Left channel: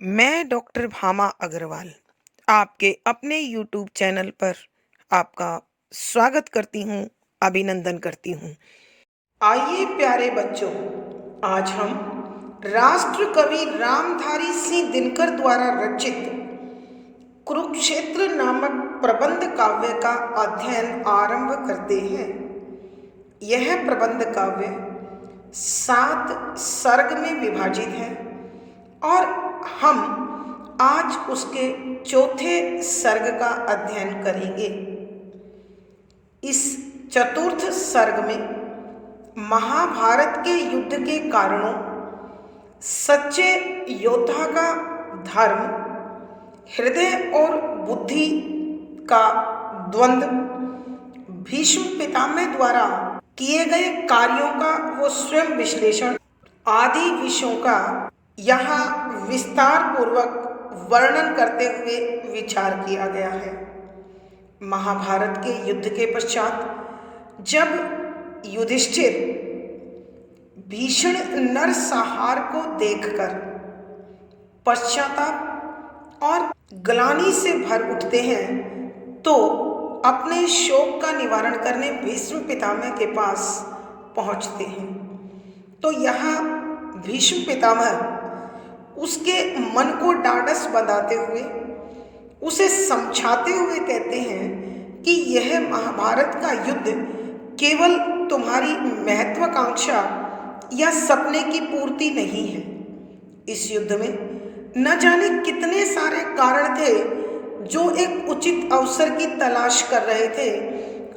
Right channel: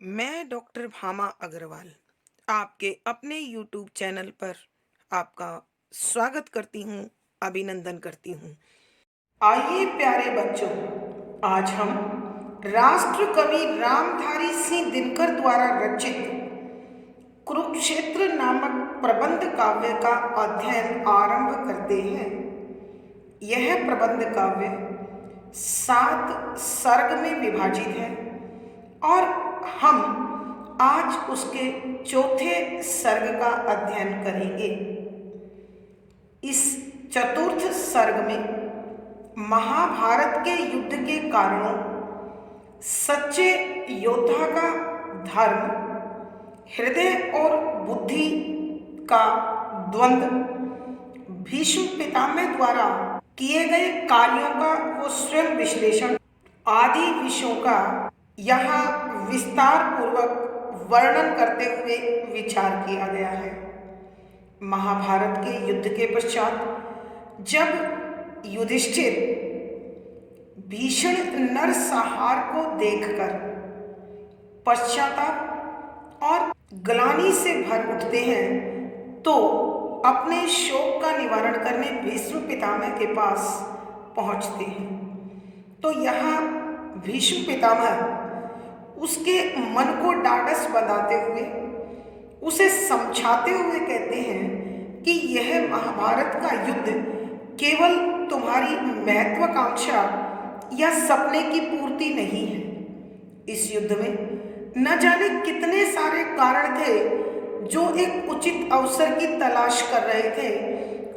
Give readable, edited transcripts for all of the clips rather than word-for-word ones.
मैं डॉक्टर भामा अग्रवाल आपके अपने यूट्यूब चैनल पर आपका स्वागत करती हूँ, अभिनंदन करती हूँ। आइए प्यारे बच्चों, आज हम राष्ट्र कवि रामधारी सिंह दिनकर द्वारा रचित कुरुक्षेत्र नामक प्रबंध काव्य का अध्ययन आरंभ करते हैं। यह प्रबंध काव्य 7 सर्ग में विभाजित है और हम आज उसके चौथे सर्ग का अध्ययन करेंगे। इस चतुर्थ सर्ग में महाभारत के युद्ध के कारणों, सच्चे योद्धा का धर्म, हृदय और बुद्धि का द्वंद्व, भीष्म पितामह द्वारा किए गए कार्यों का वो स्वयं विश्लेषण आदि विषयों का यहाँ विस्तार पूर्वक वर्णन करते हुए विचार किया गया है। महाभारत के युद्ध के पश्चात जब युधिष्ठिर भीषण नरसंहार को देखकर पश्चाताप और ग्लानि से भर उठते हैं तो अपने शोक का निवारण करने भीष्म पितामह के पास पहुंचते हैं। तो यहाँ भीष्म पितामह उसके मन को ढाढ़स बंधाते हुए, उसे समझाते हुए कहते हैं कि यह महाभारत का युद्ध केवल तुम्हारी महत्वाकांक्षा या सपने की पूर्ति नहीं है। इस युद्ध में न जाने कितने सारे कारण थे जो एक उचित अवसर की तलाश कर रहे थे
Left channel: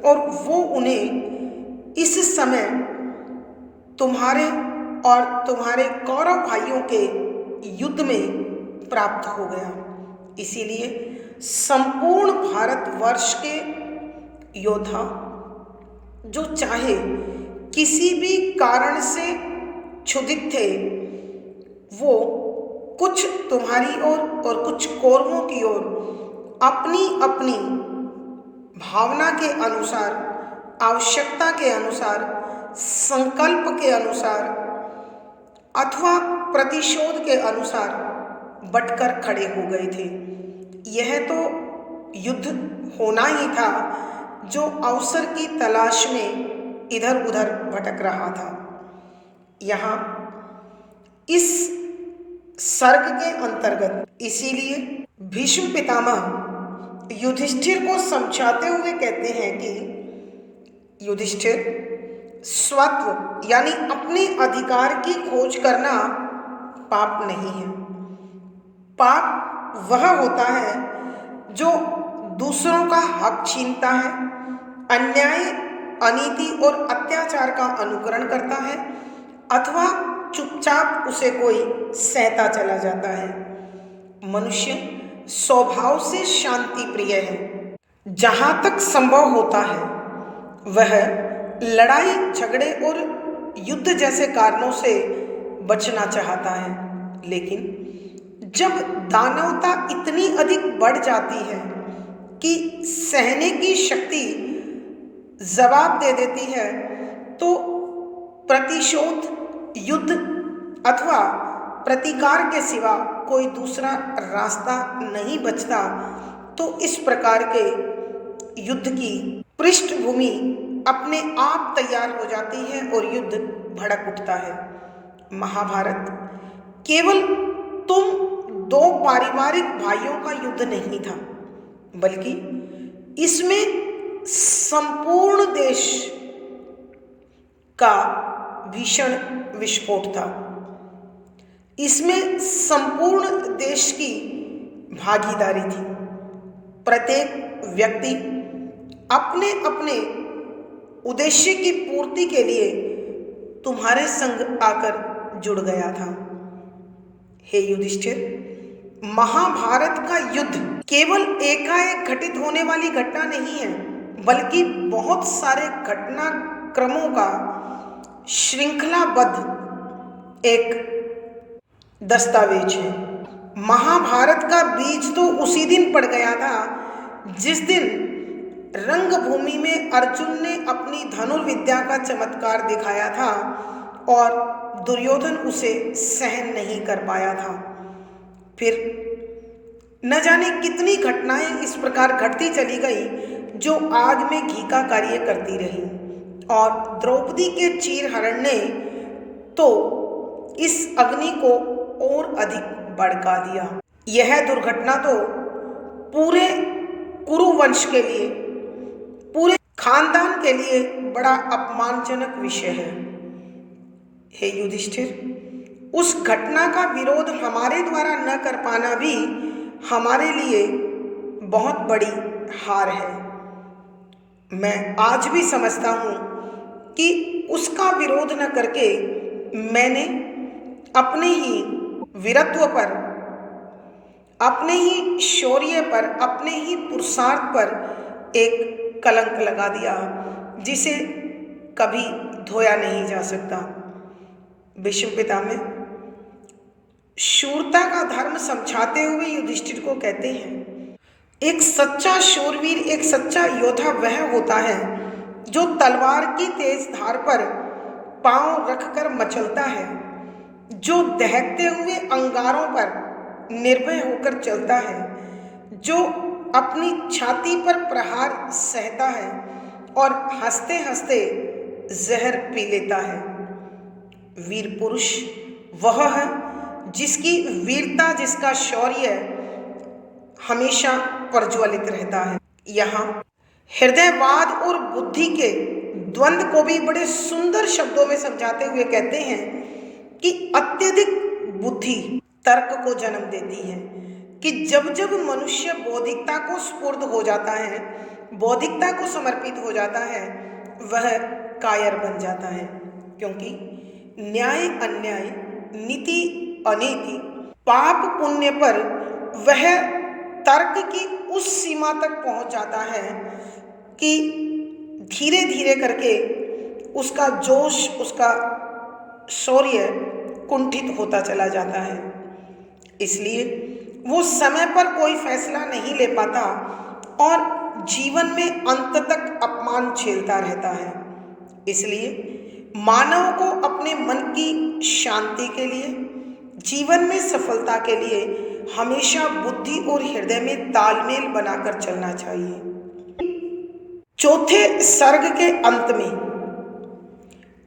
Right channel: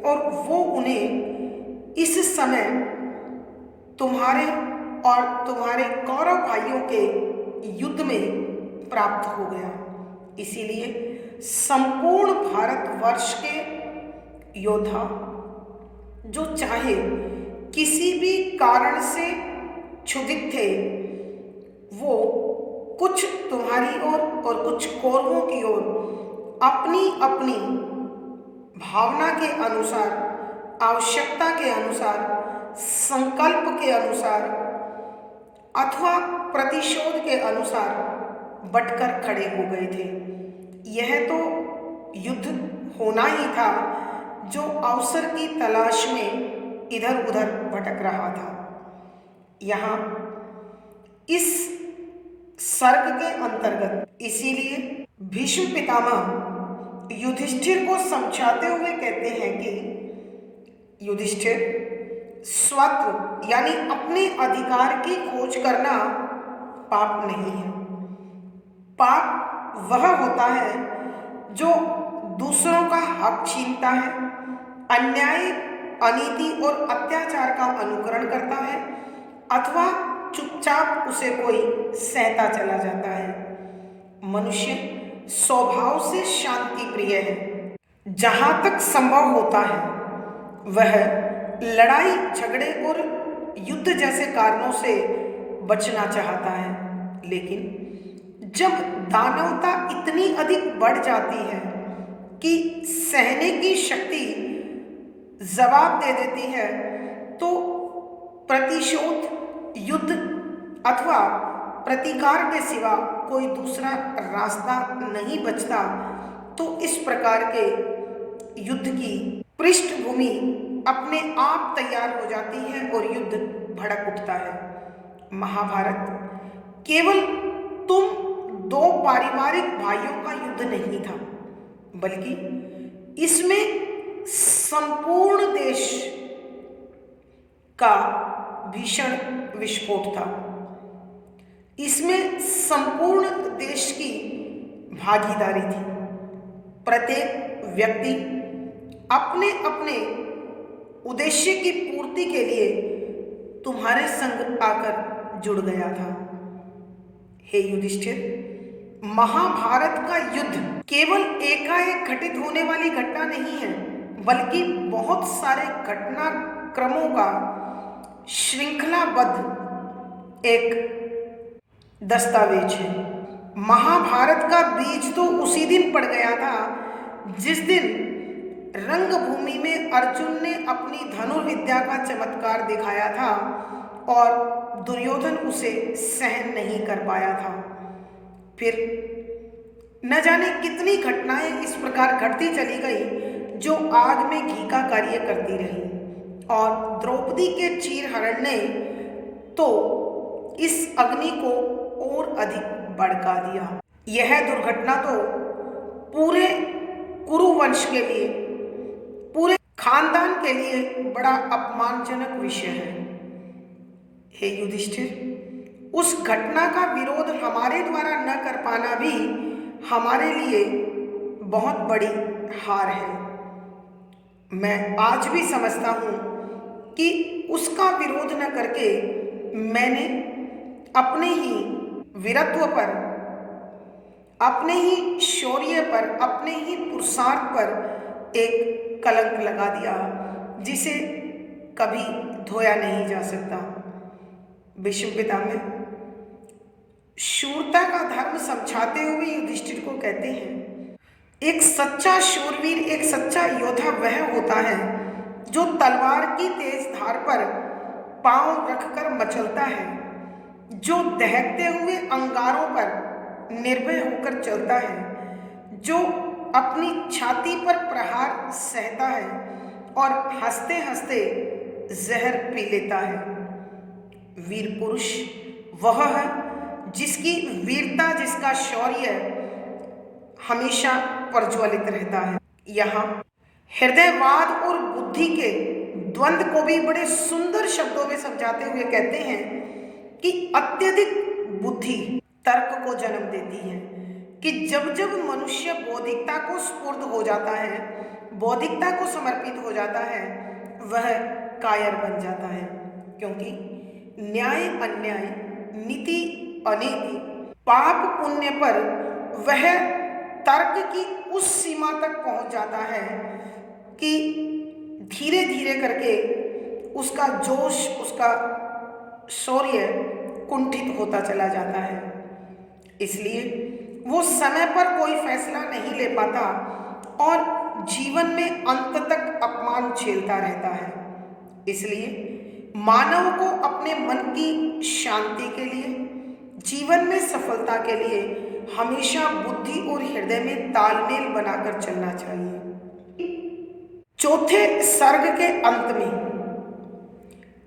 और वो उन्हें इस समय तुम्हारे और तुम्हारे कौरव भाइयों के युद्ध में प्राप्त हो गया। इसीलिए संपूर्ण भारतवर्ष के योद्धा जो चाहे किसी भी कारण से क्षुधित थे, वो कुछ तुम्हारी ओर और कुछ कौरवों की ओर अपनी अपनी भावना के अनुसार, आवश्यकता के अनुसार, संकल्प के अनुसार अथवा प्रतिशोध के अनुसार बटकर खड़े हो गए थे। यह तो युद्ध होना ही था जो अवसर की तलाश में इधर उधर भटक रहा था। यहाँ इस सर्ग के अंतर्गत इसीलिए भीष्म पितामह युधिष्ठिर को समझाते हुए कहते हैं कि युधिष्ठिर, स्वत्व यानी अपने अधिकार की खोज करना पाप नहीं है। पाप वह होता है जो दूसरों का हक छीनता है, अन्याय, अनीति और अत्याचार का अनुकरण करता है अथवा चुपचाप उसे कोई सहता चला जाता है। मनुष्य स्वभाव से शांति प्रिय है। जहाँ तक संभव होता है वह लड़ाई झगड़े और युद्ध जैसे कारणों से बचना चाहता है, लेकिन जब दानवता इतनी अधिक बढ़ जाती है कि सहने की शक्ति जवाब दे देती है तो प्रतिशोध, युद्ध अथवा प्रतिकार के सिवा कोई दूसरा रास्ता नहीं बचता। तो इस प्रकार के युद्ध की पृष्ठभूमि अपने आप तैयार हो जाती है और युद्ध भड़क उठता है। महाभारत केवल तुम दो पारिवारिक भाइयों का युद्ध नहीं था, बल्कि इसमें संपूर्ण देश का भीषण विस्फोट था। इसमें संपूर्ण देश की भागीदारी थी। प्रत्येक व्यक्ति अपने अपने उद्देश्य की पूर्ति के लिए तुम्हारे संग आकर जुड़ गया था। हे युधिष्ठिर, महाभारत का युद्ध केवल एकाएक घटित होने वाली घटना नहीं है, बल्कि बहुत सारे घटनाक्रमों का श्रृंखलाबद्ध एक दस्तावेज है। महाभारत का बीज तो उसी दिन पड़ गया था जिस दिन रंगभूमि में अर्जुन ने अपनी धनुर्विद्या का चमत्कार दिखाया था और दुर्योधन उसे सहन नहीं कर पाया था। फिर न जाने कितनी घटनाएं इस प्रकार घटती चली गई जो आग में घी का कार्य करती रही, और द्रौपदी के चीरहरण ने तो इस अग्नि को और अधिक भड़का दिया। यह दुर्घटना तो पूरे कुरुवंश के लिए, पूरे खानदान के लिए बड़ा अपमानजनक विषय है। हे युधिष्ठिर, उस घटना का विरोध हमारे द्वारा न कर पाना भी हमारे लिए बहुत बड़ी हार है। मैं आज भी समझता हूँ कि उसका विरोध न करके मैंने अपने ही वीरत्व पर, अपने ही शौर्य पर, अपने ही पुरुषार्थ पर एक कलंक लगा दिया जिसे कभी धोया नहीं जा सकता। भीष्म पितामह शूरता का धर्म समझाते हुए युधिष्ठिर को कहते हैं, एक सच्चा शूरवीर, एक सच्चा योद्धा वह होता है जो तलवार की तेज धार पर पांव रखकर मचलता है, जो दहकते हुए अंगारों पर निर्भय होकर चलता है, जो अपनी छाती पर प्रहार सहता है और हंसते हंसते जहर पी लेता है। वीर पुरुष वह है जिसकी वीरता, जिसका शौर्य हमेशा प्रज्वलित रहता है। यहाँ हृदयवाद और बुद्धि के द्वंद्व को भी बड़े सुंदर शब्दों में समझाते हुए कहते हैं कि अत्यधिक बुद्धि तर्क को जन्म देती है, कि जब जब मनुष्य बौद्धिकता को स्फूर्त हो जाता है, बौद्धिकता को समर्पित हो जाता है, वह कायर बन जाता है। क्योंकि न्याय अन्याय, नीति अनीति, पाप पुण्य पर वह तर्क की उस सीमा तक पहुंच जाता है कि धीरे धीरे करके उसका जोश, उसका शौर्य कुंठित होता चला जाता है। इसलिए वो समय पर कोई फैसला नहीं ले पाता और जीवन में अंत तक अपमान झेलता रहता है। इसलिए मानव को अपने मन की शांति के लिए, जीवन में सफलता के लिए हमेशा बुद्धि और हृदय में तालमेल बनाकर चलना चाहिए। चौथे सर्ग के अंत में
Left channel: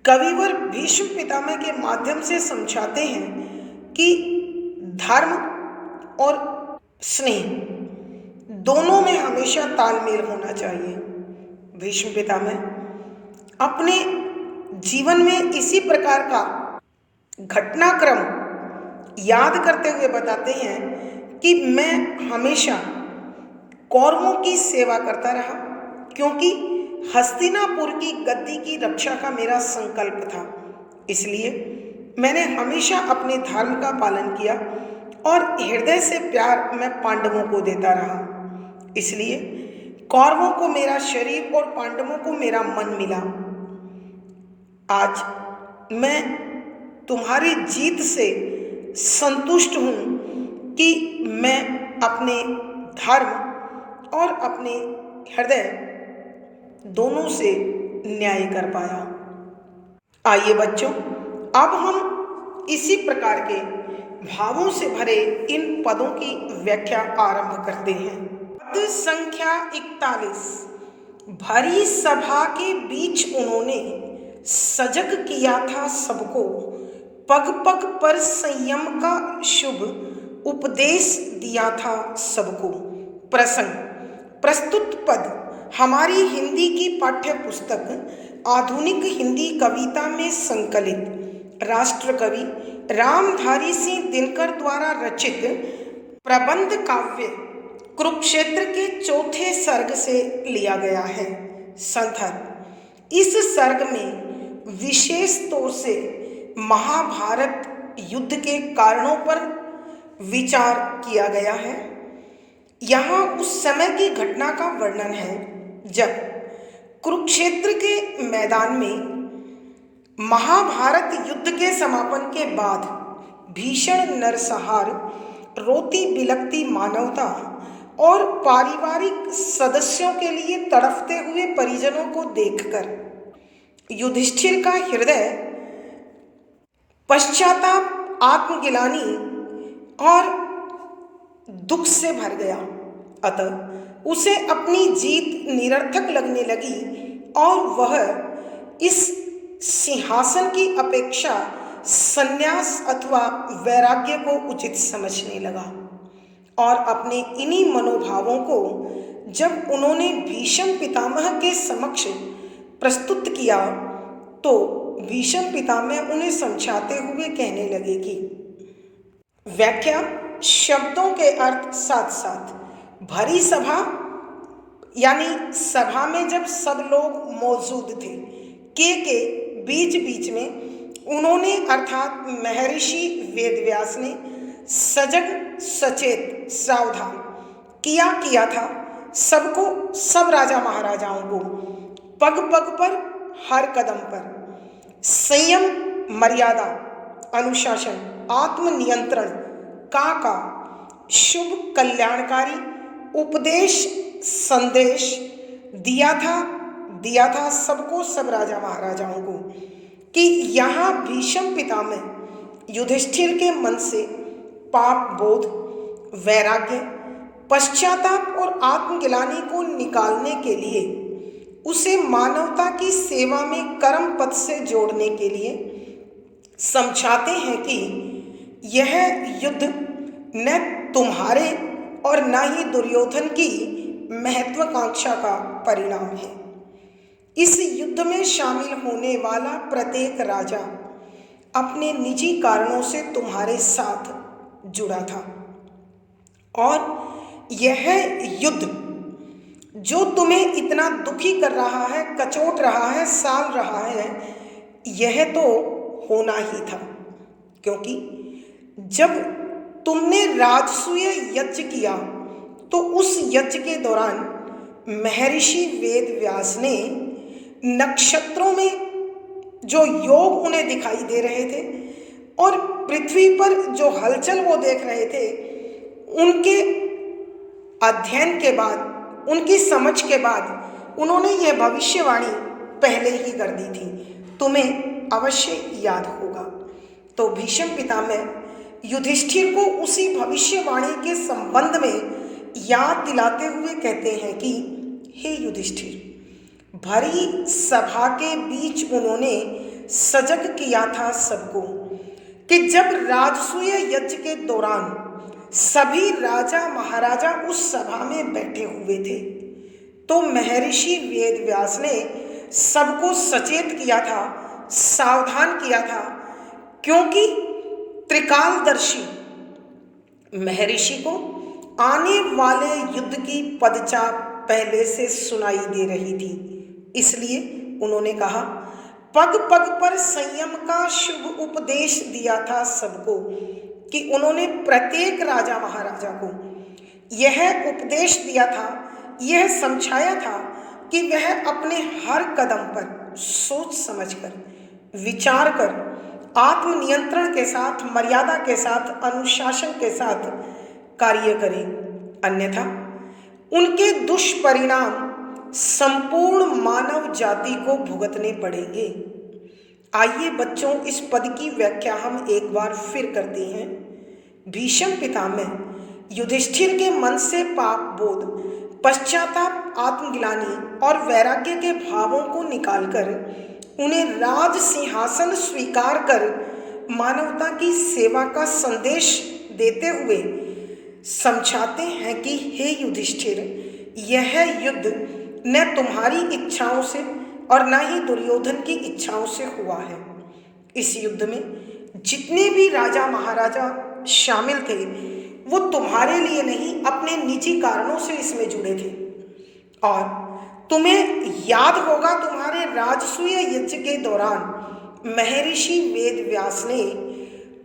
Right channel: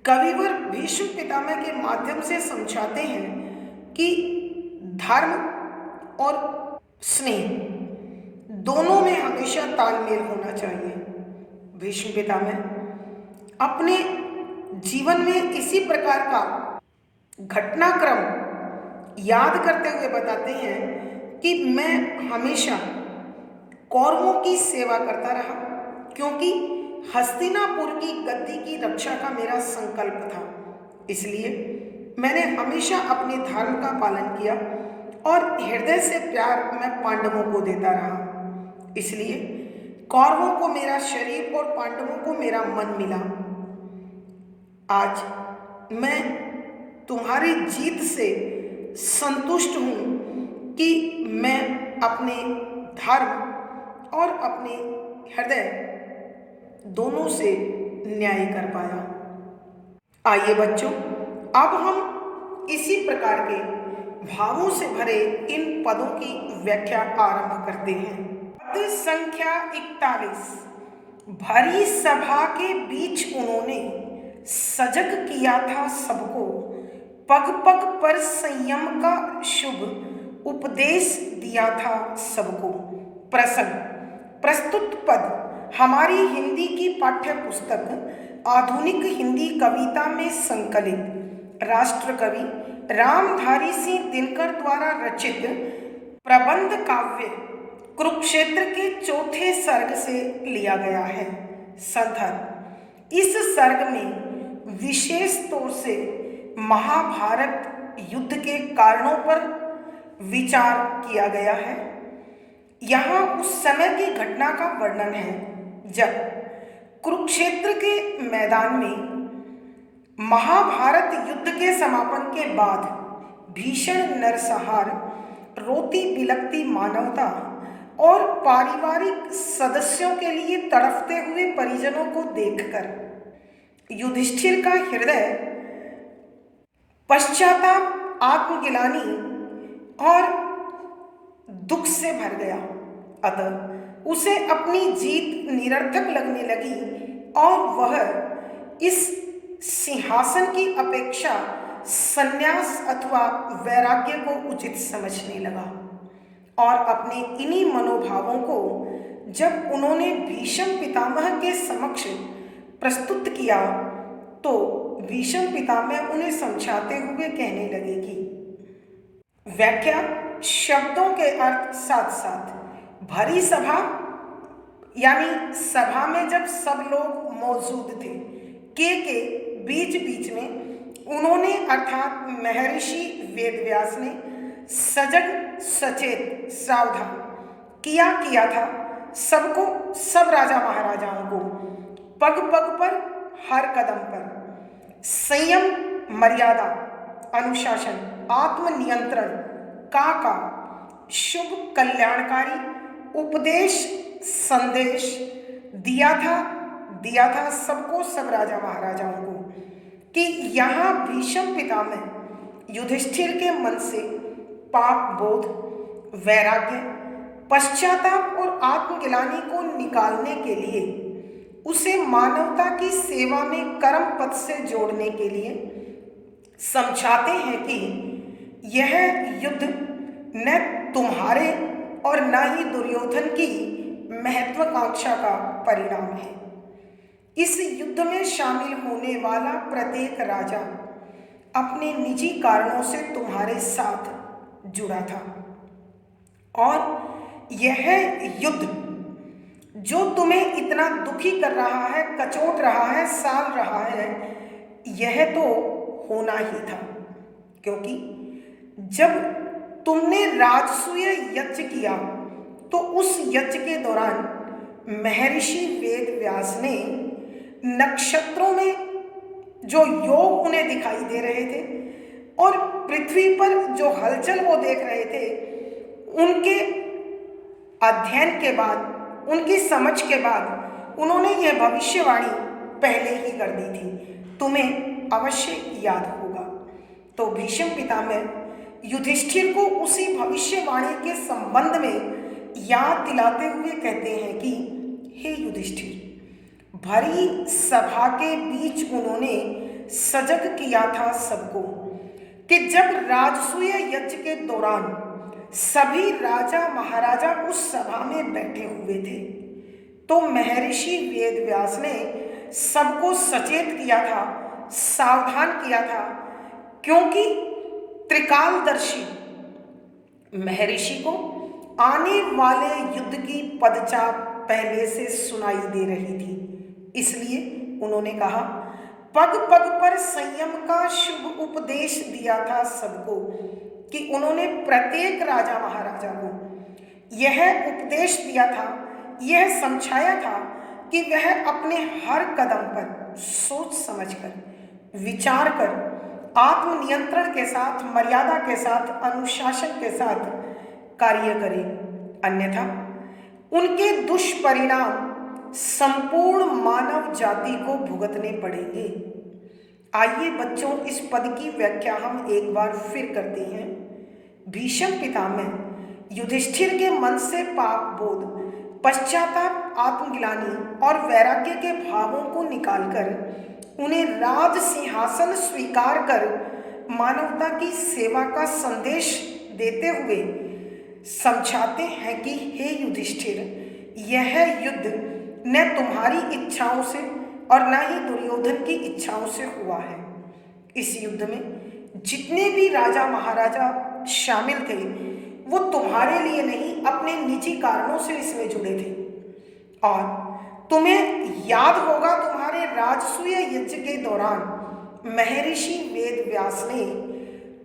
कविवर भीष्म पितामह के माध्यम से समझाते हैं कि धर्म और स्नेह दोनों में हमेशा तालमेल होना चाहिए। भीष्म पितामह अपने जीवन में इसी प्रकार का घटनाक्रम याद करते हुए बताते हैं कि मैं हमेशा कौरवों की सेवा करता रहा, क्योंकि हस्तिनापुर की गद्दी की रक्षा का मेरा संकल्प था। इसलिए मैंने हमेशा अपने धर्म का पालन किया और हृदय से प्यार मैं पांडवों को देता रहा। इसलिए कौरवों को मेरा शरीर और पांडवों को मेरा मन मिला। आज मैं तुम्हारी जीत से संतुष्ट हूँ कि मैं अपने धर्म और अपने हृदय दोनों से न्याय कर पाया। आइए बच्चों, अब हम इसी प्रकार के भावों से भरे इन पदों की व्याख्या आरंभ करते हैं। पद संख्या 41। भरी सभा के बीच उन्होंने सजग किया था सबको, पग पग पर संयम का शुभ उपदेश दिया था सबको। प्रसंग। प्रस्तुत पद हमारी हिंदी की पाठ्य पुस्तक आधुनिक हिंदी कविता में संकलित राष्ट्र कवि रामधारी सिंह दिनकर द्वारा रचित प्रबंध काव्य कुरुक्षेत्र के चौथे सर्ग से लिया गया है। संदर्भ। इस सर्ग में विशेष तौर से महाभारत युद्ध के कारणों पर विचार किया गया है। यहाँ उस समय की घटना का वर्णन है जब कुरुक्षेत्र के मैदान में महाभारत युद्ध के समापन के बाद भीषण नरसंहार, रोती बिलखती मानवता और पारिवारिक सदस्यों के लिए तड़पते हुए परिजनों को देखकर युधिष्ठिर का हृदय पश्चाताप, आत्मगिलानी और दुख से भर गया। अतः उसे अपनी जीत निरर्थक लगने लगी और वह इस सिंहासन की अपेक्षा संन्यास अथवा वैराग्य को उचित समझने लगा। और अपने इन्हीं मनोभावों को जब उन्होंने भीष्म पितामह के समक्ष प्रस्तुत किया तो भीष्म पितामह उन्हें समझाते हुए कहने लगे कि व्याख्या शब्दों के अर्थ साथ साथ भरी सभा, यानी सभा में जब सब लोग मौजूद थे के बीच बीच में उन्होंने अर्थात महर्षि वेदव्यास ने सजग सचेत सावधान किया था सबको, सब राजा महाराजाओं को पग पग पर हर कदम पर संयम, मर्यादा, अनुशासन, आत्मनियंत्रण का शुभ कल्याणकारी उपदेश संदेश दिया था सबको, सब राजा महाराजाओं को कि यहाँ भीष्म पितामह युधिष्ठिर के मन से पाप बोध, वैराग्य, पश्चाताप और आत्मग्लानि को निकालने के लिए उसे मानवता की सेवा में कर्म पथ से जोड़ने के लिए समझाते हैं कि यह युद्ध न तुम्हारे और न ही दुर्योधन की महत्वाकांक्षा का परिणाम है। इस युद्ध में शामिल होने वाला प्रत्येक राजा अपने निजी कारणों से तुम्हारे साथ जुड़ा था और यह युद्ध जो तुम्हें इतना दुखी कर रहा है, कचोट रहा है, साल रहा है, यह तो होना ही था, क्योंकि जब तुमने राजसूय यज्ञ किया तो उस यज्ञ के दौरान महर्षि वेदव्यास ने नक्षत्रों में जो योग उन्हें दिखाई दे रहे थे और पृथ्वी पर जो हलचल वो देख रहे थे, उनके अध्ययन के बाद, उनकी समझ के बाद उन्होंने यह भविष्यवाणी पहले ही कर दी थी, तुम्हें अवश्य याद होगा। तो भीष्म पितामह युधिष्ठिर को उसी भविष्यवाणी के संबंध में याद दिलाते हुए कहते हैं कि हे युधिष्ठिर, भरी सभा के बीच उन्होंने सजग किया था सबको कि जब राजसूय यज्ञ के दौरान सभी राजा महाराजा उस सभा में बैठे हुए थे तो महर्षि वेदव्यास ने सबको सचेत किया था, सावधान किया था, क्योंकि त्रिकालदर्शी महर्षि को आने वाले युद्ध की पदचाप पहले से सुनाई दे रही थी। इसलिए उन्होंने कहा, पग पग पर संयम का शुभ उपदेश दिया था सबको, कि उन्होंने प्रत्येक राजा महाराजा को यह उपदेश दिया था, यह समझाया था कि वह अपने हर कदम पर सोच समझकर, विचार कर, आत्मनियंत्रण के साथ, मर्यादा के साथ, अनुशासन के साथ कार्य करें, अन्यथा उनके दुष्परिणाम संपूर्ण मानव जाति को भुगतने पड़ेंगे। आइए बच्चों, इस पद की व्याख्या हम एक बार फिर करते हैं। भीष्म पितामह युधिष्ठिर के मन से पाप बोध, पश्चाताप, आत्मग्लानि और वैराग्य के भावों को निकालकर उन्हें राज सिंहासन स्वीकार कर मानवता की सेवा का संदेश देते हुए समझाते हैं कि हे युधिष्ठिर, यह युद्ध न तुम्हारी इच्छाओं से और न ही दुर्योधन की इच्छाओं से हुआ है। इस युद्ध में जितने भी राजा महाराजा शामिल थे वो तुम्हारे लिए नहीं, अपने निजी कारणों से इसमें जुड़े थे। और तुम्हें याद होगा, तुम्हारे राजसूय यज्ञ के दौरान महर्षि वेदव्यास ने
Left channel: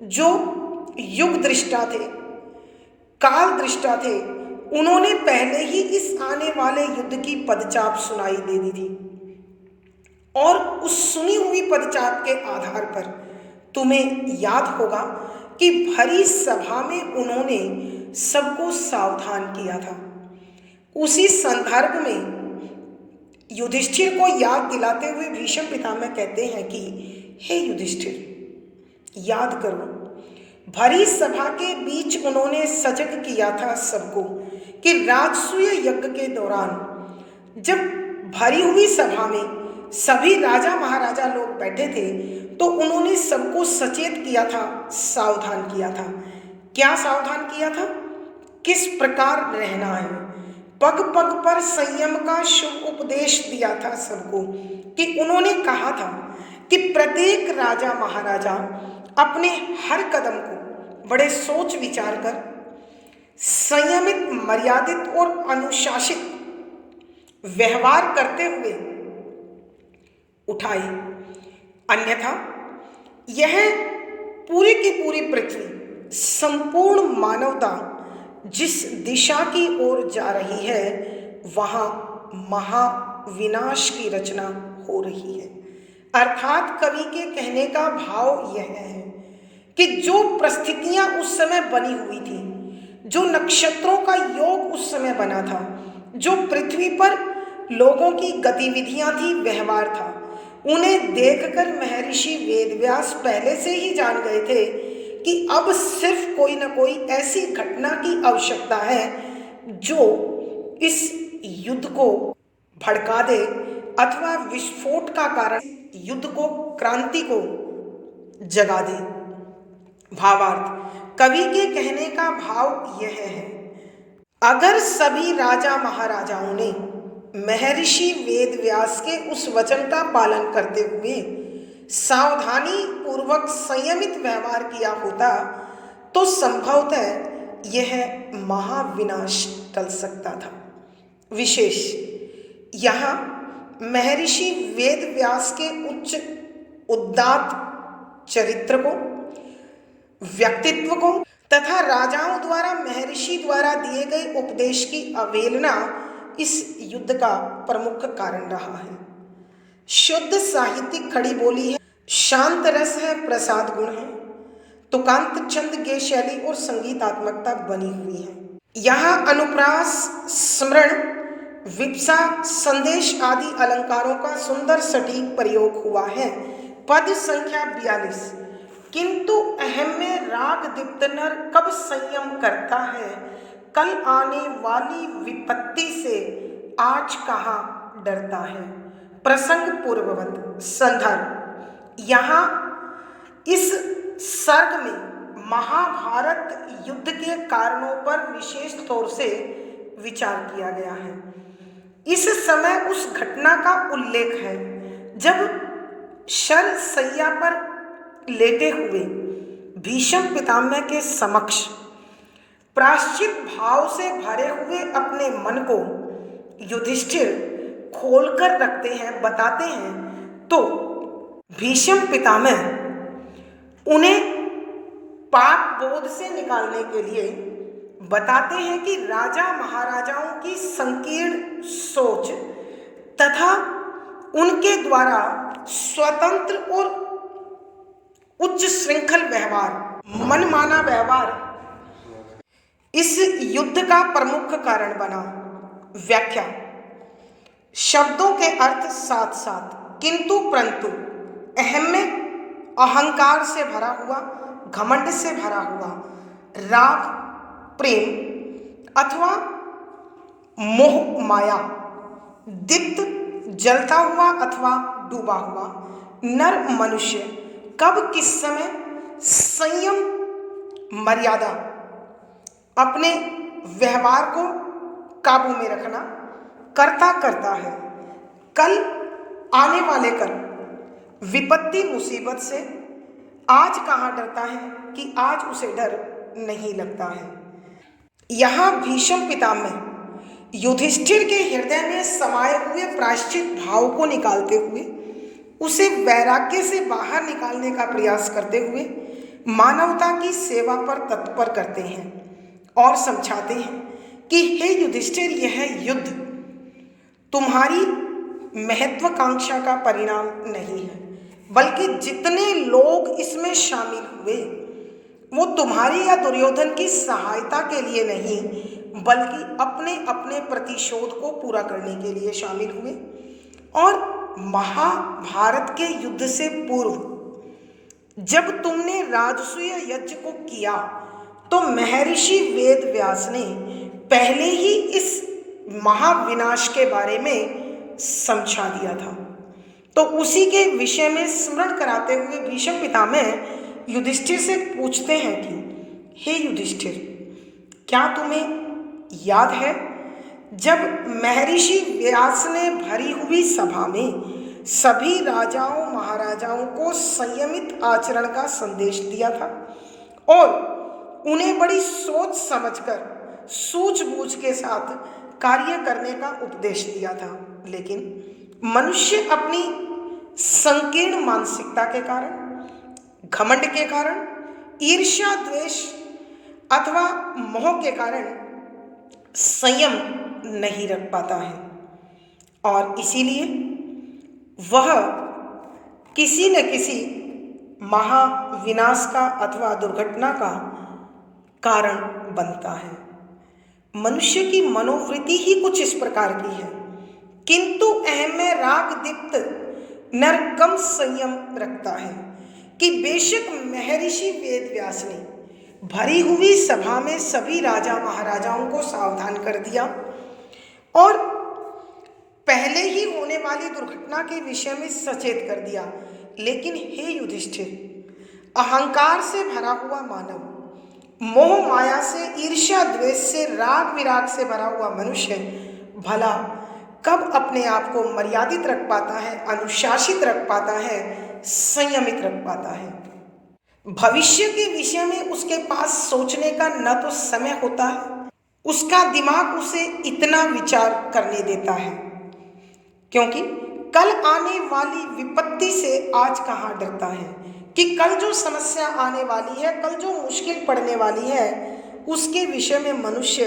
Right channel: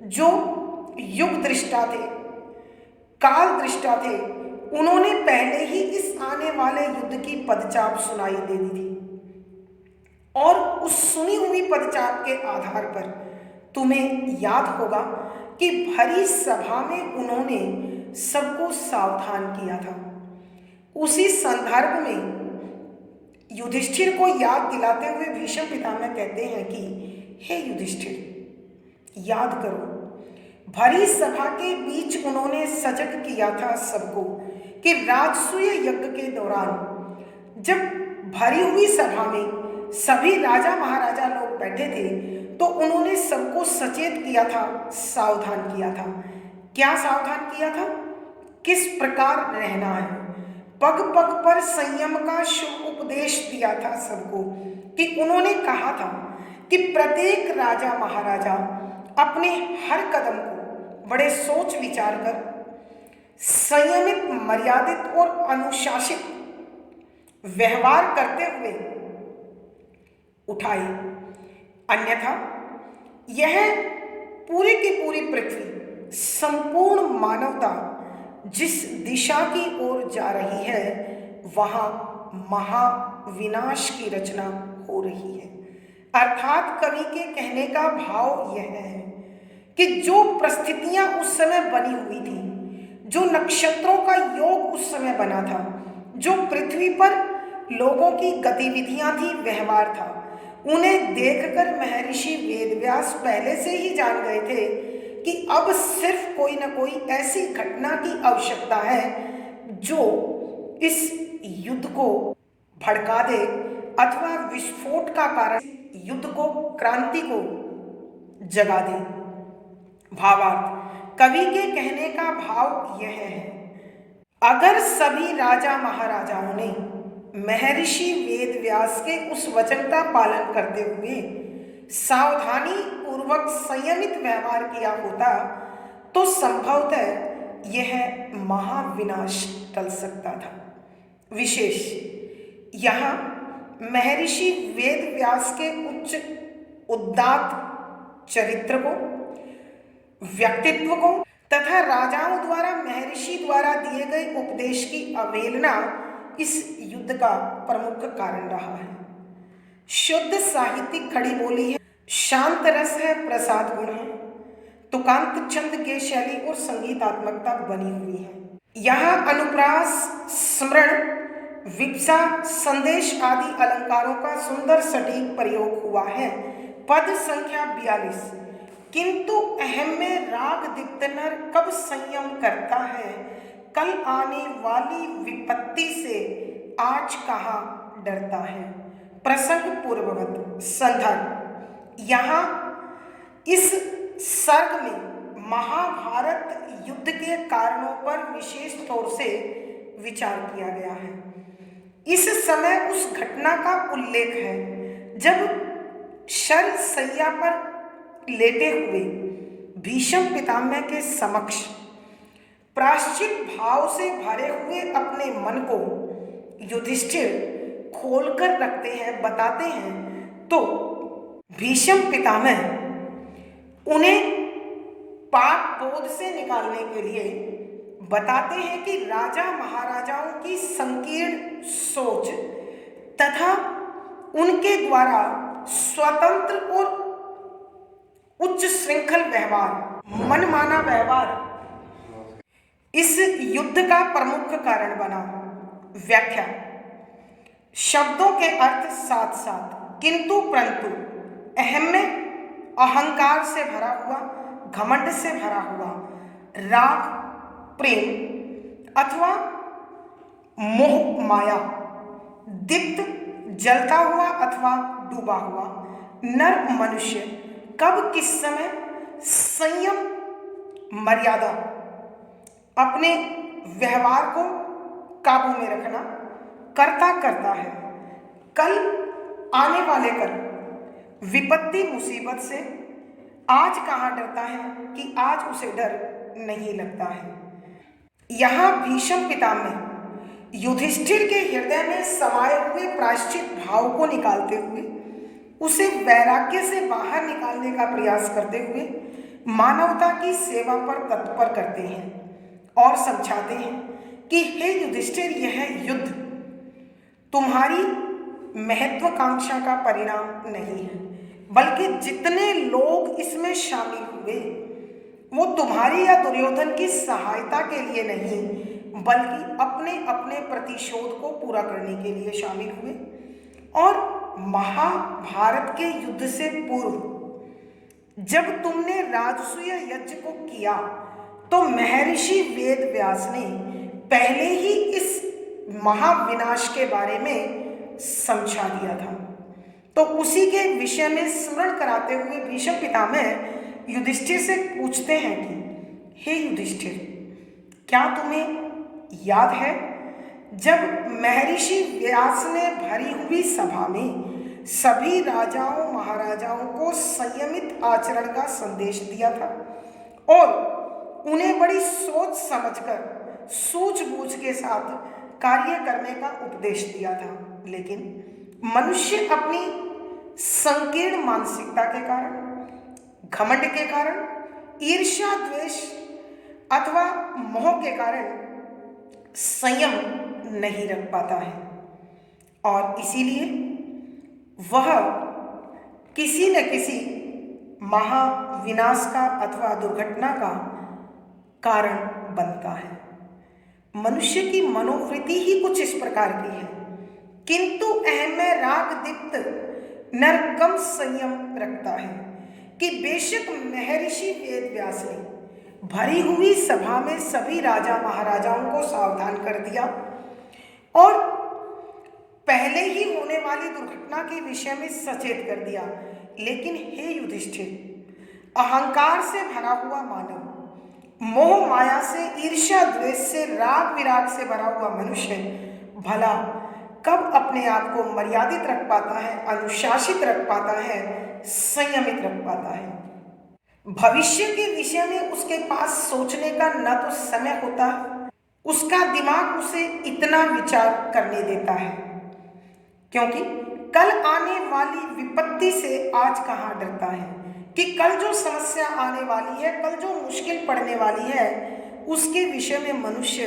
जो युग दृष्टा थे, काल दृष्टा थे, उन्होंने पहले ही इस आने वाले युद्ध की पदचाप सुनाई दे दी थी और उस सुनी हुई पदचाप के आधार पर तुम्हें याद होगा कि भरी सभा में उन्होंने सबको सावधान किया था। उसी संदर्भ में युधिष्ठिर को याद दिलाते हुए भीष्म पितामह कहते हैं कि हे युधिष्ठिर, याद करो, भरी सभा के बीच उन्होंने सजग किया था सबको कि राजसूय यज्ञ के दौरान जब भरी हुई सभा में सभी राजा महाराजा लोग बैठे थे तो उन्होंने सबको सचेत किया था, सावधान किया था। क्या सावधान किया था? किस प्रकार रहना है। पग पग पर संयम का शुभ उपदेश दिया था सबको कि उन्होंने कहा था कि प्रत्येक राजा महाराजा अपने हर कदम को बड़े सोच विचार कर संयमित, मर्यादित और अनुशासित व्यवहार करते हुए उठाए, अन्यथा यह पूरी की पूरी पृथ्वी, संपूर्ण मानवता जिस दिशा की ओर जा रही है वहां महाविनाश की रचना हो रही है। अर्थात कवि के कहने का भाव यह है कि जो परिस्थितियां उस समय बनी हुई थी, जो नक्षत्रों का योग उस समय बना था, जो पृथ्वी पर लोगों की गतिविधियां थी, व्यवहार था, उन्हें देखकर महर्षि वेदव्यास पहले से ही जान गए थे कि अब सिर्फ कोई ना कोई ऐसी घटना की आवश्यकता है जो इस युद्ध को भड़का दे अथवा विस्फोट का कारण युद्ध को, क्रांति को जगा दे। भावार्थ, कवि के कहने का भाव यह है, अगर सभी राजा महाराजाओं ने महर्षि वेदव्यास के उस वचन का पालन करते हुए सावधानी पूर्वक संयमित व्यवहार किया होता तो संभवतः यह महाविनाश टल सकता था। विशेष यहाँ महर्षि वेदव्यास के उच्च उदात्त चरित्र को, व्यक्तित्व को तथा राजाओं द्वारा महर्षि द्वारा दिए गए उपदेश की अवहेलना इस युद्ध का प्रमुख कारण रहा है। शुद्ध साहित्यिक खड़ी बोली है, शांत रस है, प्रसाद गुण है, तुकांत छंद गे शैली और संगीतात्मकता बनी हुई है। यहाँ अनुप्रास, स्मरण, विप्सा, संदेश आदि अलंकारों का सुंदर सटीक प्रयोग हुआ है। पद संख्या 42। किंतु अहम में राग दीप्त नर कब संयम करता है, कल आने वाली विपत्ति से आज कहाँ डरता है। प्रसंग पूर्ववत। संदर्भ, यहाँ इस सर्ग में महाभारत युद्ध के कारणों पर विशेष तौर से विचार किया गया है। इस समय उस घटना का उल्लेख है जब शर सैया पर लेटे हुए भीष्म पितामह के समक्ष प्रायश्चित भाव से भरे हुए अपने मन को युधिष्ठिर खोलकर रखते हैं, बताते हैं, तो भीष्म पितामह उन्हें पाप बोध से निकालने के लिए बताते हैं कि राजा महाराजाओं की संकीर्ण सोच तथा उनके द्वारा स्वतंत्र और उच्च श्रृंखल व्यवहार, मनमाना व्यवहार इस युद्ध का प्रमुख कारण बना। व्याख्या, शब्दों के अर्थ साथ साथ, किंतु परंतु, अहम में अहंकार से भरा हुआ, घमंड से भरा हुआ, राग, प्रेम अथवा मोह माया, दीप्त जलता हुआ अथवा डूबा हुआ नर मनुष्य कब किस समय संयम, मर्यादा, अपने व्यवहार को काबू में रखना करता है, कल आने वाले कल विपत्ति मुसीबत से आज कहाँ डरता है कि आज उसे डर नहीं लगता है। यहाँ भीष्म पितामह युधिष्ठिर के हृदय में समाये हुए प्रायश्चित भाव को निकालते हुए उसे वैराग्य से बाहर निकालने का प्रयास करते हुए मानवता की सेवा पर तत्पर करते हैं और समझाते हैं कि हे युधिष्ठिर, यह युद्ध तुम्हारी महत्वाकांक्षा का परिणाम नहीं है, बल्कि जितने लोग इसमें शामिल हुए वो तुम्हारी या दुर्योधन की सहायता के लिए नहीं, बल्कि अपने अपने प्रतिशोध को पूरा करने के लिए शामिल हुए। और महाभारत के युद्ध से पूर्व जब तुमने राजसूय यज्ञ को किया तो महर्षि वेद व्यास ने पहले ही इस महाविनाश के बारे में समझा दिया था। तो उसी के विषय में स्मरण कराते हुए भीष्म पितामह युधिष्ठिर से पूछते हैं कि हे युधिष्ठिर, क्या तुम्हें याद है जब महर्षि व्यास ने भरी हुई सभा में सभी राजाओं महाराजाओं को संयमित आचरण का संदेश दिया था और उन्हें बड़ी सोच समझकर सूझबूझ के साथ कार्य करने का उपदेश दिया था, लेकिन मनुष्य अपनी संकीर्ण मानसिकता के कारण, घमंड के कारण, ईर्ष्या द्वेष अथवा मोह के कारण संयम नहीं रख पाता है और इसीलिए वह किसी न किसी महाविनाश का अथवा दुर्घटना का कारण बनता है। मनुष्य की मनोवृत्ति ही कुछ इस प्रकार की है, किंतु अहम में राग दीप्त नर कम संयम रखता है कि बेशक महर्षि वेद व्यास ने भरी हुई सभा में सभी राजा महाराजाओं को सावधान कर दिया और पहले ही होने वाली दुर्घटना के विषय में सचेत कर दिया, लेकिन हे युधिष्ठिर, अहंकार से भरा हुआ मानव, मोह माया से, ईर्ष्या द्वेष से, राग विराग से भरा हुआ मनुष्य भला कब अपने आप को मर्यादित रख पाता है, अनुशासित रख पाता है, संयमित रख पाता है। भविष्य के विषय में उसके पास सोचने का न तो समय होता है, उसका दिमाग उसे इतना विचार करने देता है, क्योंकि कल आने वाली विपत्ति से आज कहाँ डरता है कि कल जो समस्या आने वाली है, कल जो मुश्किल पड़ने वाली है, उसके विषय में मनुष्य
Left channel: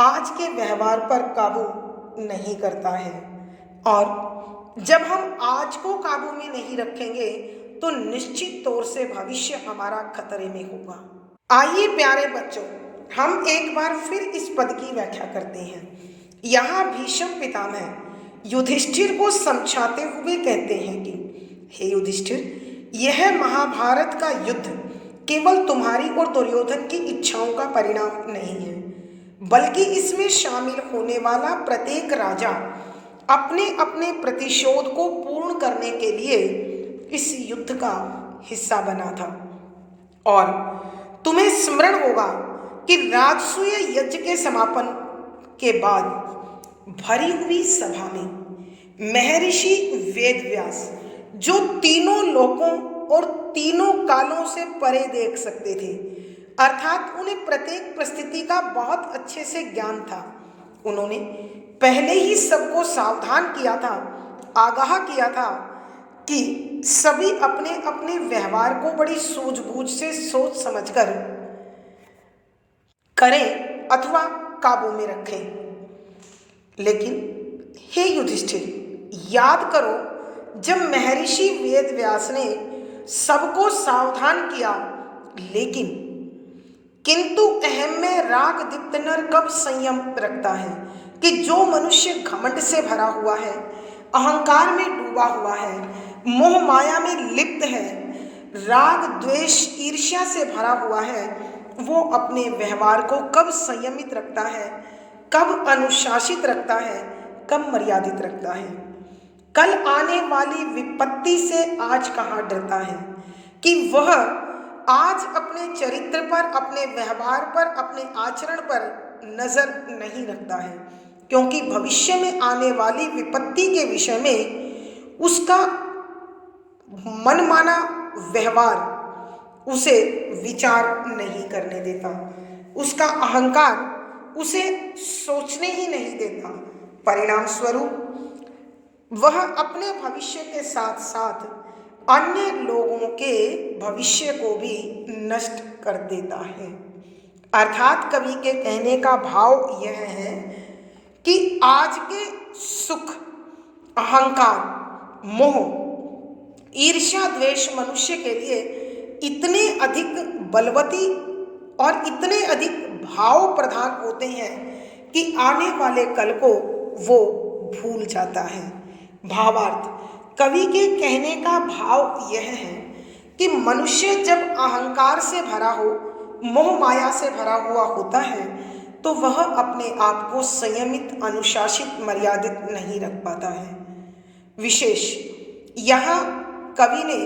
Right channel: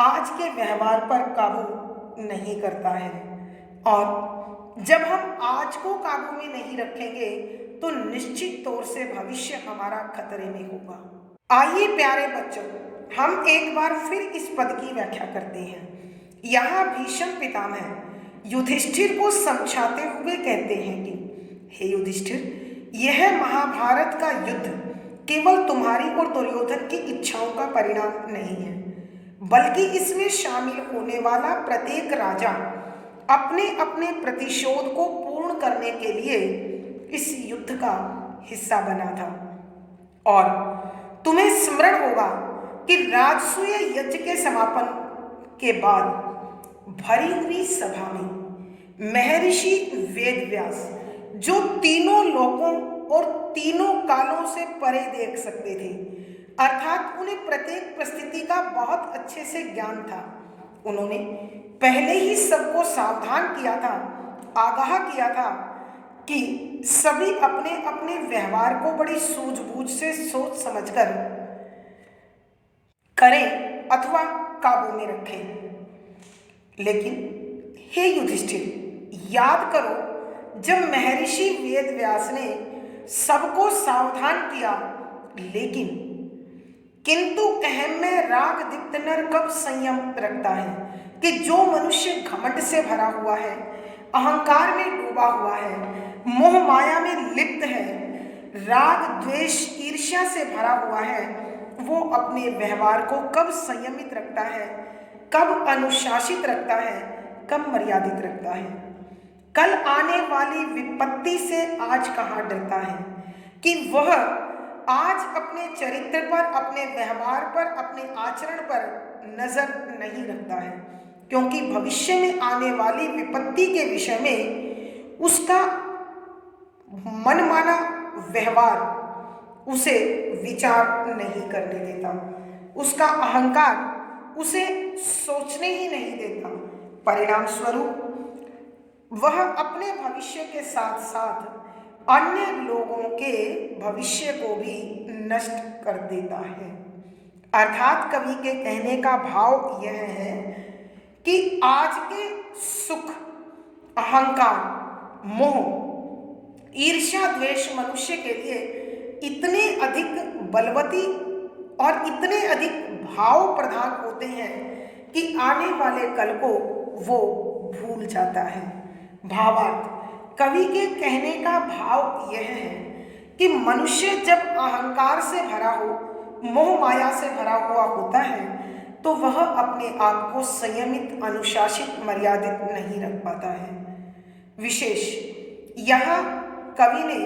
आज के व्यवहार पर काबू नहीं करता है। और जब हम आज को काबू में नहीं रखेंगे तो निश्चित तौर से भविष्य हमारा खतरे में होगा। आइए प्यारे बच्चों, हम एक बार फिर इस पद की व्याख्या करते हैं। यहाँ भीष्म पितामह युधिष्ठिर को समझाते हुए कहते हैं कि हे युधिष्ठिर, यह महाभारत का युद्ध केवल तुम्हारी और दुर्योधन की इच्छाओं का परिणाम नहीं है, बल्कि इसमें शामिल होने वाला प्रत्येक राजा अपने अपने प्रतिशोध को पूर्ण करने के लिए इस युद्ध का हिस्सा बना था। और तुम्हें स्मरण होगा कि राजसूय यज्ञ के समापन के बाद भरी हुई सभा में महर्षि वेदव्यास, जो तीनों लोकों और तीनों कालों से परे देख सकते थे, अर्थात उन्हें प्रत्येक परिस्थिति का बहुत अच्छे से ज्ञान था, उन्होंने पहले ही सबको सावधान किया था, आगाह किया था कि सभी अपने अपने व्यवहार को बड़ी सूझबूझ से सोच समझकर करें अथवा काबू में रखें। लेकिन हे युधिष्ठिर, याद करो, जब महर्षि वेदव्यास ने सबको सावधान किया, लेकिन किंतु अहम में राग दीप्त नर कब संयम रखता है कि जो मनुष्य घमंड से भरा हुआ है, अहंकार में डूबा हुआ है, मोह माया में लिप्त है, राग द्वेष ईर्ष्या से भरा हुआ है, वो अपने व्यवहार को कब संयमित रखता है, कब अनुशासित रखता है, कब मर्यादित रखता है। कल आने वाली विपत्ति से आज कहाँ डरता है कि वह आज अपने चरित्र पर, अपने व्यवहार पर, अपने आचरण पर नजर नहीं रखता है, क्योंकि भविष्य में आने वाली विपत्ति के विषय में उसका मनमाना व्यवहार उसे विचार नहीं करने देता, उसका अहंकार उसे सोचने ही नहीं देता। परिणाम स्वरूप वह अपने भविष्य के साथ साथ अन्य लोगों के भविष्य को भी नष्ट कर देता है। अर्थात कवि के कहने का भाव यह है कि आज के सुख, अहंकार, मोह, ईर्ष्या द्वेष मनुष्य के लिए इतने अधिक बलवती और इतने अधिक भाव प्रधान होते हैं कि आने वाले कल को वो भूल जाता है। भावार्थ, कवि के कहने का भाव यह है कि मनुष्य जब अहंकार से भरा हो, मोह माया से भरा हुआ होता है, तो वह अपने आप को संयमित, अनुशासित, मर्यादित नहीं रख पाता है। विशेष यहाँ कवि ने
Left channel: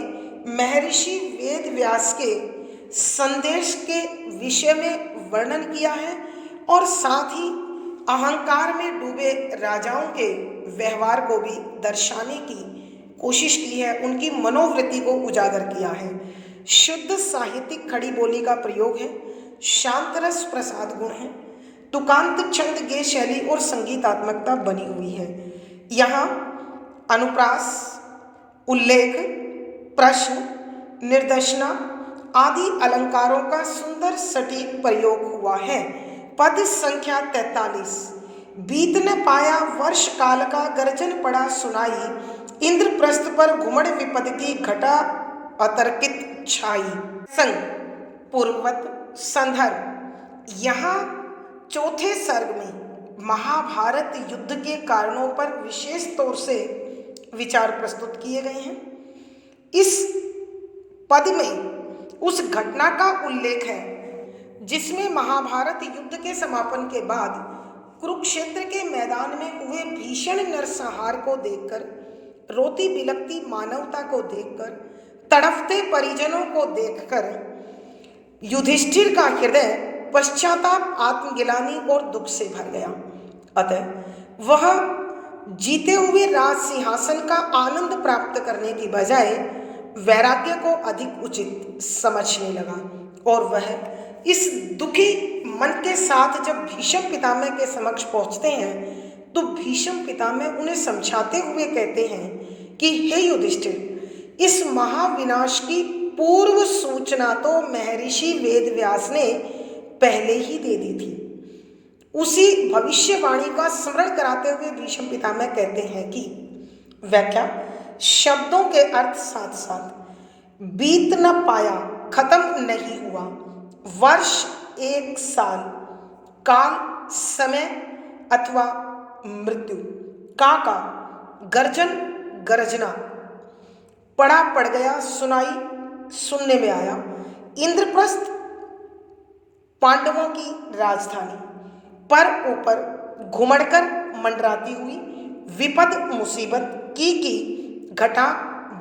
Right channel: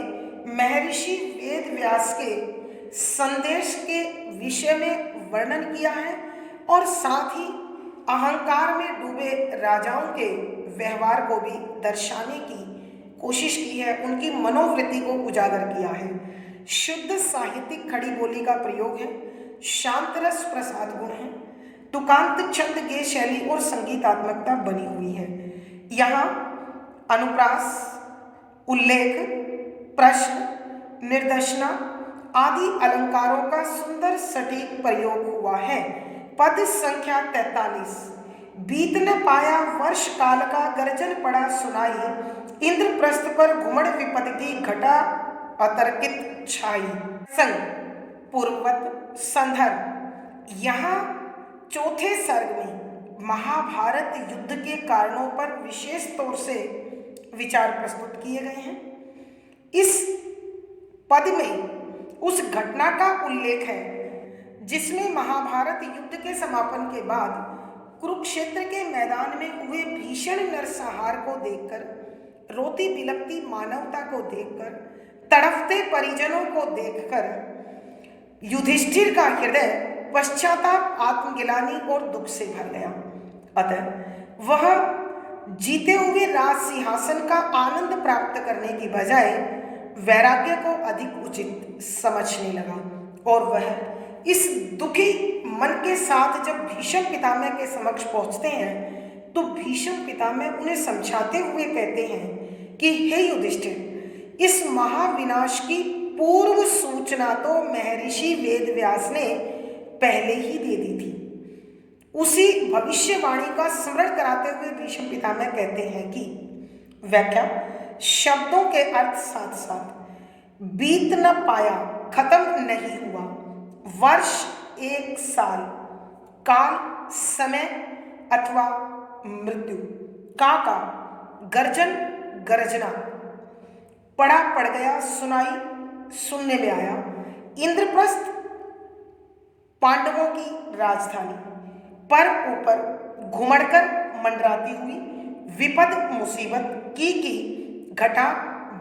महर्षि वेद व्यास के संदेश के विषय में वर्णन किया है और साथ ही अहंकार में डूबे राजाओं के व्यवहार को भी दर्शाने की कोशिश की है, उनकी मनोवृत्ति को उजागर किया है। शुद्ध साहित्यिक खड़ी बोली का प्रयोग है, शांत रस प्रसाद गुण है, तुकांत छंद गे शैली और संगीतात्मकता बनी हुई है। यहाँ अनुप्रास, उल्लेख, प्रश्न, निर्देशना आदि अलंकारों का सुंदर सटीक प्रयोग हुआ है। पद संख्या 43। बीत न पाया वर्ष काल का गर्जन पड़ा सुनाई, इंद्रप्रस्थ पर घुमड़ विपद की घटा अतर्कित छाई। संग पूर्ववत संदर्भ। यहाँ चौथे सर्ग में महाभारत युद्ध के कारणों पर विशेष तौर से विचार प्रस्तुत किए गए हैं। इस पद में उस घटना का उल्लेख है जिसमें महाभारत युद्ध के समापन के बाद कुरुक्षेत्र के मैदान में हुए भीषण नरसंहार को देखकर, रोती बिलखती मानवता को देखकर, तड़फते परिजनों को देखकर युधिष्ठिर का हृदय पश्चाताप, आत्मगिलानी और दुख से भर गया। अतः वह जीते हुए राज सिंहासन का आनंद प्राप्त करने की बजाय वैराग्य को अधिक उचित समझने लगा और वह इस दुखी मन के साथ जब भीष्म पितामह के समक्ष पहुंचते हैं तो भीष्म पितामह उन्हें समझाते हुए कहते हैं कि हे युधिष्ठिर, इस महाविनाश की पूर्व सूचना तो महर्षि वेद व्यास ने पहले ही दे दी थी। उसी भविष्यवाणी का स्मरण कराते हुए भीष्म पितामह कहते हैं कि व्याख्या शब्दों के अर्थ साथ साथ बीत न पाया, खत्म नहीं हुआ, वर्ष, एक साल, काल, समय अथवा मृत्यु, काका, गर्जन, गर्जना, पड़ा, पड़ गया, सुनाई, सुनने में आया, इंद्रप्रस्थ पांडवों की राजधानी, पर ऊपर घुमड़कर मंडराती हुई, विपद मुसीबत की घटा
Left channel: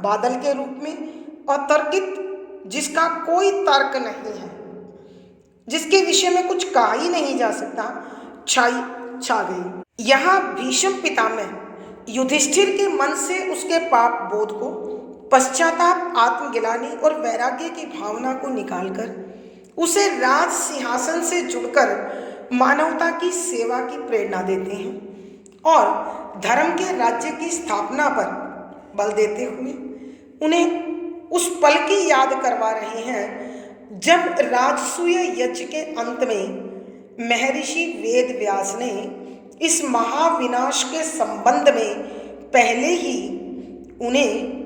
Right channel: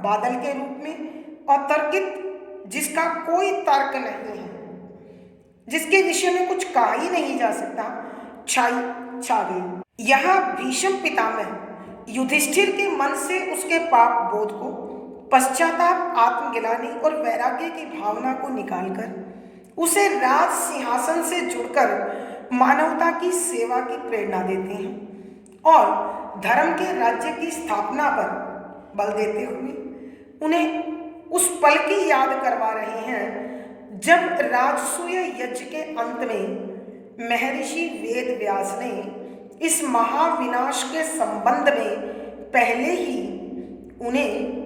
बादल के रूप में, अतर्कित जिसका कोई तर्क नहीं है, जिसके विषय में कुछ कहा ही नहीं जा सकता, छाई छा गई। यहाँ भीष्म पितामह युधिष्ठिर के मन से उसके पाप बोध को, पश्चाताप, आत्मगिलानी और वैराग्य की भावना को निकालकर उसे राज सिंहासन से जुड़कर मानवता की सेवा की प्रेरणा देते हैं और धर्म के राज्य की स्थापना पर बल देते हुए उन्हें उस पल की याद करवा रहे हैं जब राजसूय यज्ञ के अंत में महर्षि वेद व्यास ने इस महाविनाश के संबंध में पहले ही उन्हें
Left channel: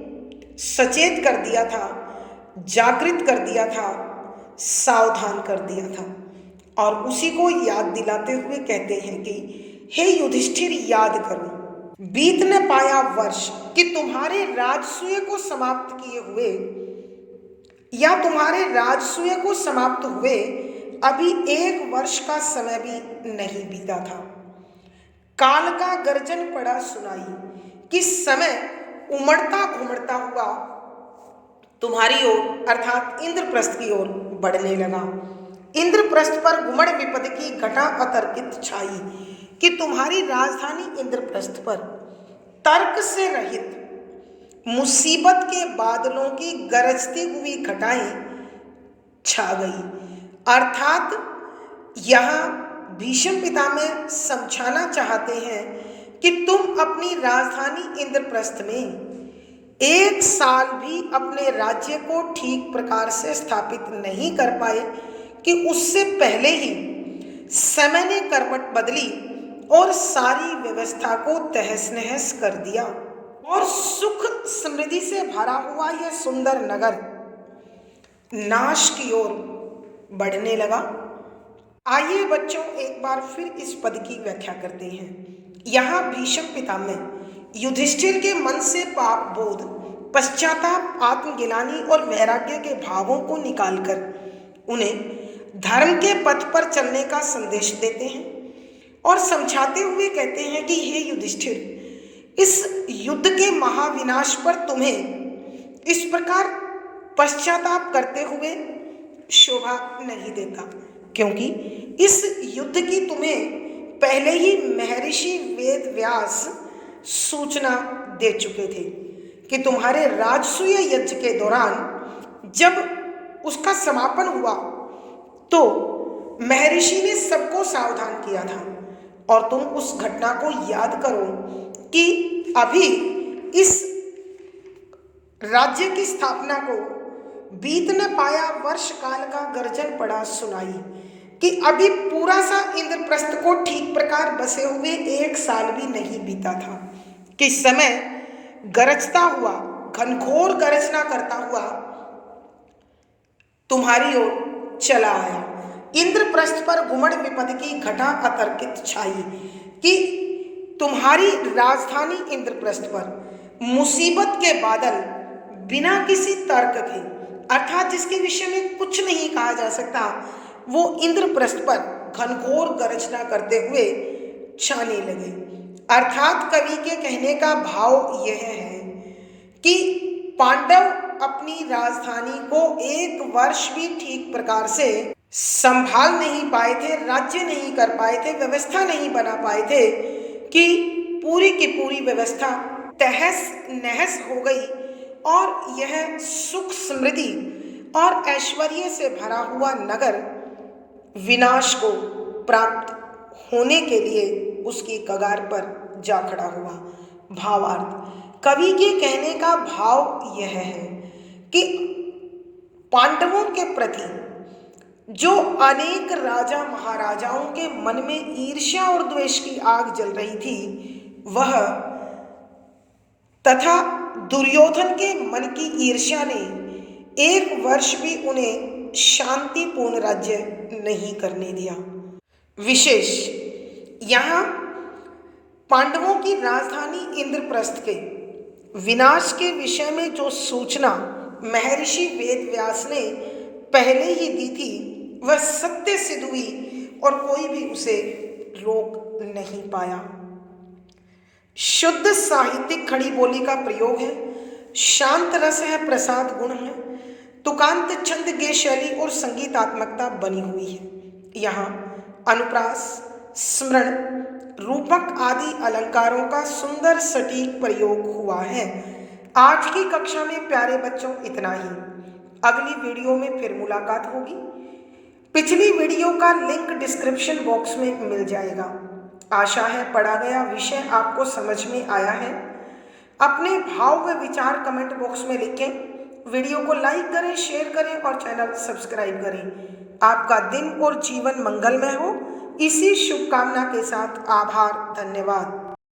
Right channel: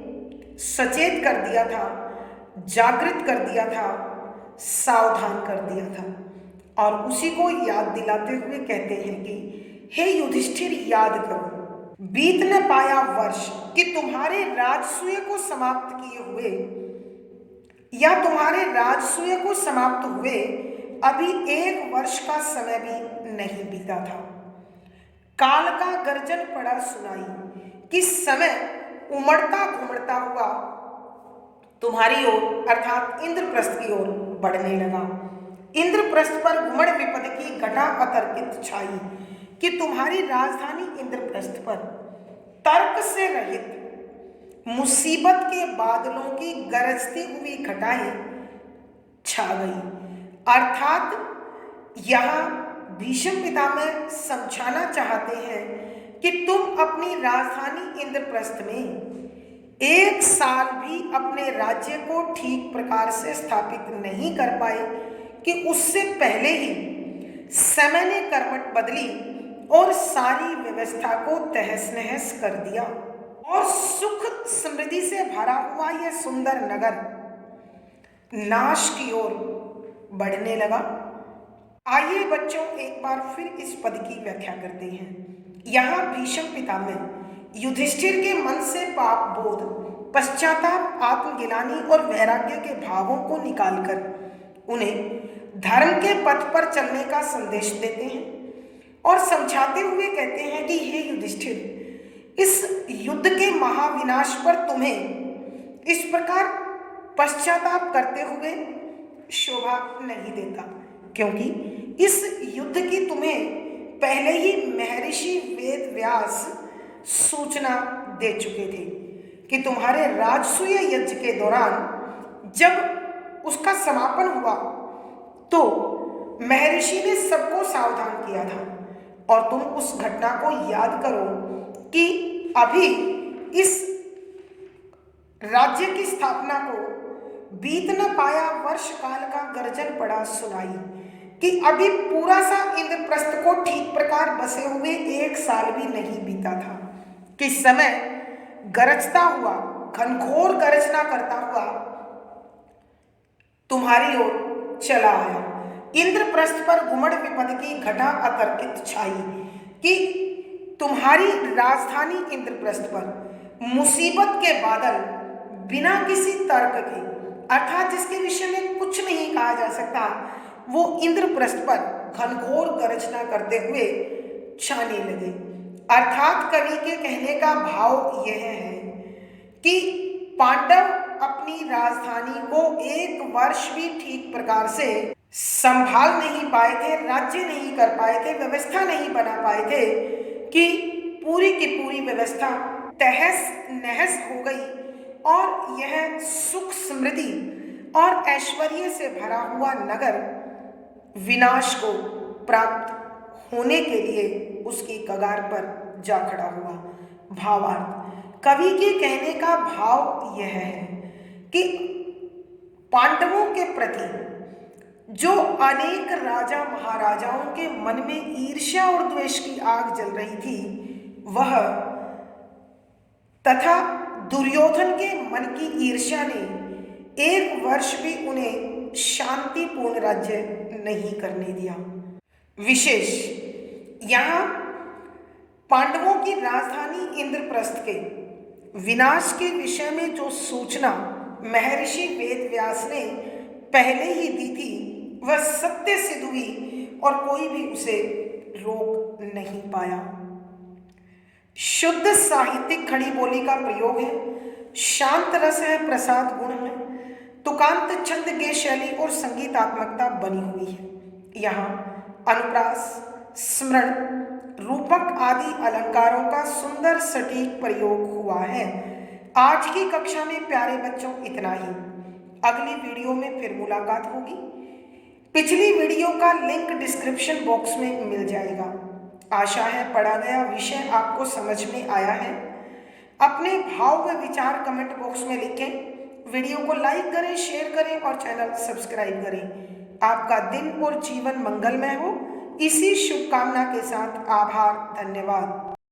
सचेत कर दिया था, जागृत कर दिया था, सावधान कर दिया था। और उसी को याद दिलाते हुए कहते हैं कि हे युधिष्ठिर, याद करो, बीत न पाया वर्ष कि तुम्हारे राजसूय को समाप्त किए हुए या तुम्हारे राजसूय को समाप्त हुए अभी 1 वर्ष का समय भी नहीं बीता था। काल का गर्जन पड़ा सुनाई कि समय उमड़ता घुमड़ता हुआ तुम्हारी ओर अर्थात इंद्रप्रस्थ की ओर बढ़ने लगा। इंद्रप्रस्थ पर घुमड़ विपद की घटा अतर्कित छाई कि तुम्हारी राजधानी इंद्रप्रस्थ पर तर्क से रहित मुसीबत के बादलों की गरजती हुई घटाएं छा गई। अर्थात यहाँ भीष्म पितामह समझाना चाहते हैं कि तुम अपनी राजधानी इंद्रप्रस्थ में 1 साल भी अपने राज्य को ठीक प्रकार से स्थापित नहीं कर पाए कि उससे पहले ही समय ने करवट बदली और सारी व्यवस्था को तहस नहस कर दिया और सुख समृद्धि से भरा हुआ यह सुंदर नगर नाश की ओर बढ़ने लगा। आइए बच्चों, एक बार फिर इस पद की व्याख्या करते हैं। यहाँ भीष्म पितामह युधिष्ठिर के मन से पाप बोध, पश्चाताप, आत्मगिलानी और वैराग्य के भावों को निकालकर उन्हें धर्म के पथ पर चलने का संदेश देते हैं और समझाते हुए कहते हैं कि हे युधिष्ठिर, इस युद्ध के महाविनाश पर तुम्हें इस प्रकार पश्चाताप करते हुए शोभा नहीं देता, क्योंकि इस युद्ध की तुम्हें पहले ही महर्षि वेद व्यास सूचना दे चुके थे कि तुम्हारे राजसूय यज्ञ के दौरान जब उसका समापन हुआ तो महर्षि ने सबको सावधान किया था, और तुम उस घटना को याद करो कि अभी इस राज्य की स्थापना को बीत न पाया वर्ष काल का गर्जन पड़ा सुनाई कि अभी पूरा सा इंद्रप्रस्थ को ठीक प्रकार बसे हुए 1 साल भी नहीं बीता था कि समय गरजता हुआ, घनघोर गर्जना करता हुआ तुम्हारी ओर चला आया। इंद्रप्रस्थ पर गुमड़ विपद की घटा अतर्कित छाई कि तुम्हारी राजधानी इंद्रप्रस्थ पर मुसीबत के बादल बिना किसी तर्क के, अर्थात जिसके विषय में कुछ नहीं कहा जा सकता, वो इंद्रप्रस्थ पर घनघोर गर्जना करते हुए छाने लगे। अर्थात कवि के कहने का भाव यह है कि पांडव अपनी राजधानी को 1 वर्ष भी ठीक प्रकार से संभाल नहीं पाए थे, राज्य नहीं कर पाए थे, व्यवस्था नहीं बना पाए थे कि पूरी की पूरी व्यवस्था तहस नहस हो गई और यह सुख समृद्धि और ऐश्वर्य से भरा हुआ नगर विनाश को प्राप्त होने के लिए उसकी कगार पर जा खड़ा हुआ। भावार्थ, कवि के कहने का भाव यह है कि पांडवों के प्रति जो अनेक राजा महाराजाओं के मन में ईर्ष्या और द्वेष की आग जल रही थी, वह तथा दुर्योधन के मन की ईर्ष्या ने 1 वर्ष भी उन्हें शांतिपूर्ण राज्य नहीं करने दिया। विशेष यहाँ पांडवों की राजधानी इंद्रप्रस्थ के विनाश के विषय में जो सूचना महर्षि वेदव्यास ने पहले ही दी थी, वह सत्य सिद्ध हुई और कोई भी उसे रोक नहीं पाया। शुद्ध साहित्यिक खड़ी बोली का प्रयोग है, शांत रस है, प्रसाद गुण है, तुकांत छंद गे शैली और संगीतात्मकता बनी हुई है। यहाँ अनुप्रास, स्मरण, रूपक आदि अलंकारों का सुंदर सटीक प्रयोग हुआ है। आज की कक्षा में प्यारे बच्चों इतना ही। अगली वीडियो में फिर मुलाकात होगी। पिछली वीडियो का लिंक डिस्क्रिप्शन बॉक्स में मिल जाएगा। आशा है पढ़ा गया विषय आपको समझ में आया है। अपने भाव व विचार कमेंट बॉक्स में लिखें। वीडियो को लाइक करें, शेयर करें और चैनल सब्सक्राइब करें। आपका दिन और जीवन मंगलमय हो, इसी शुभकामना के साथ आभार, धन्यवाद।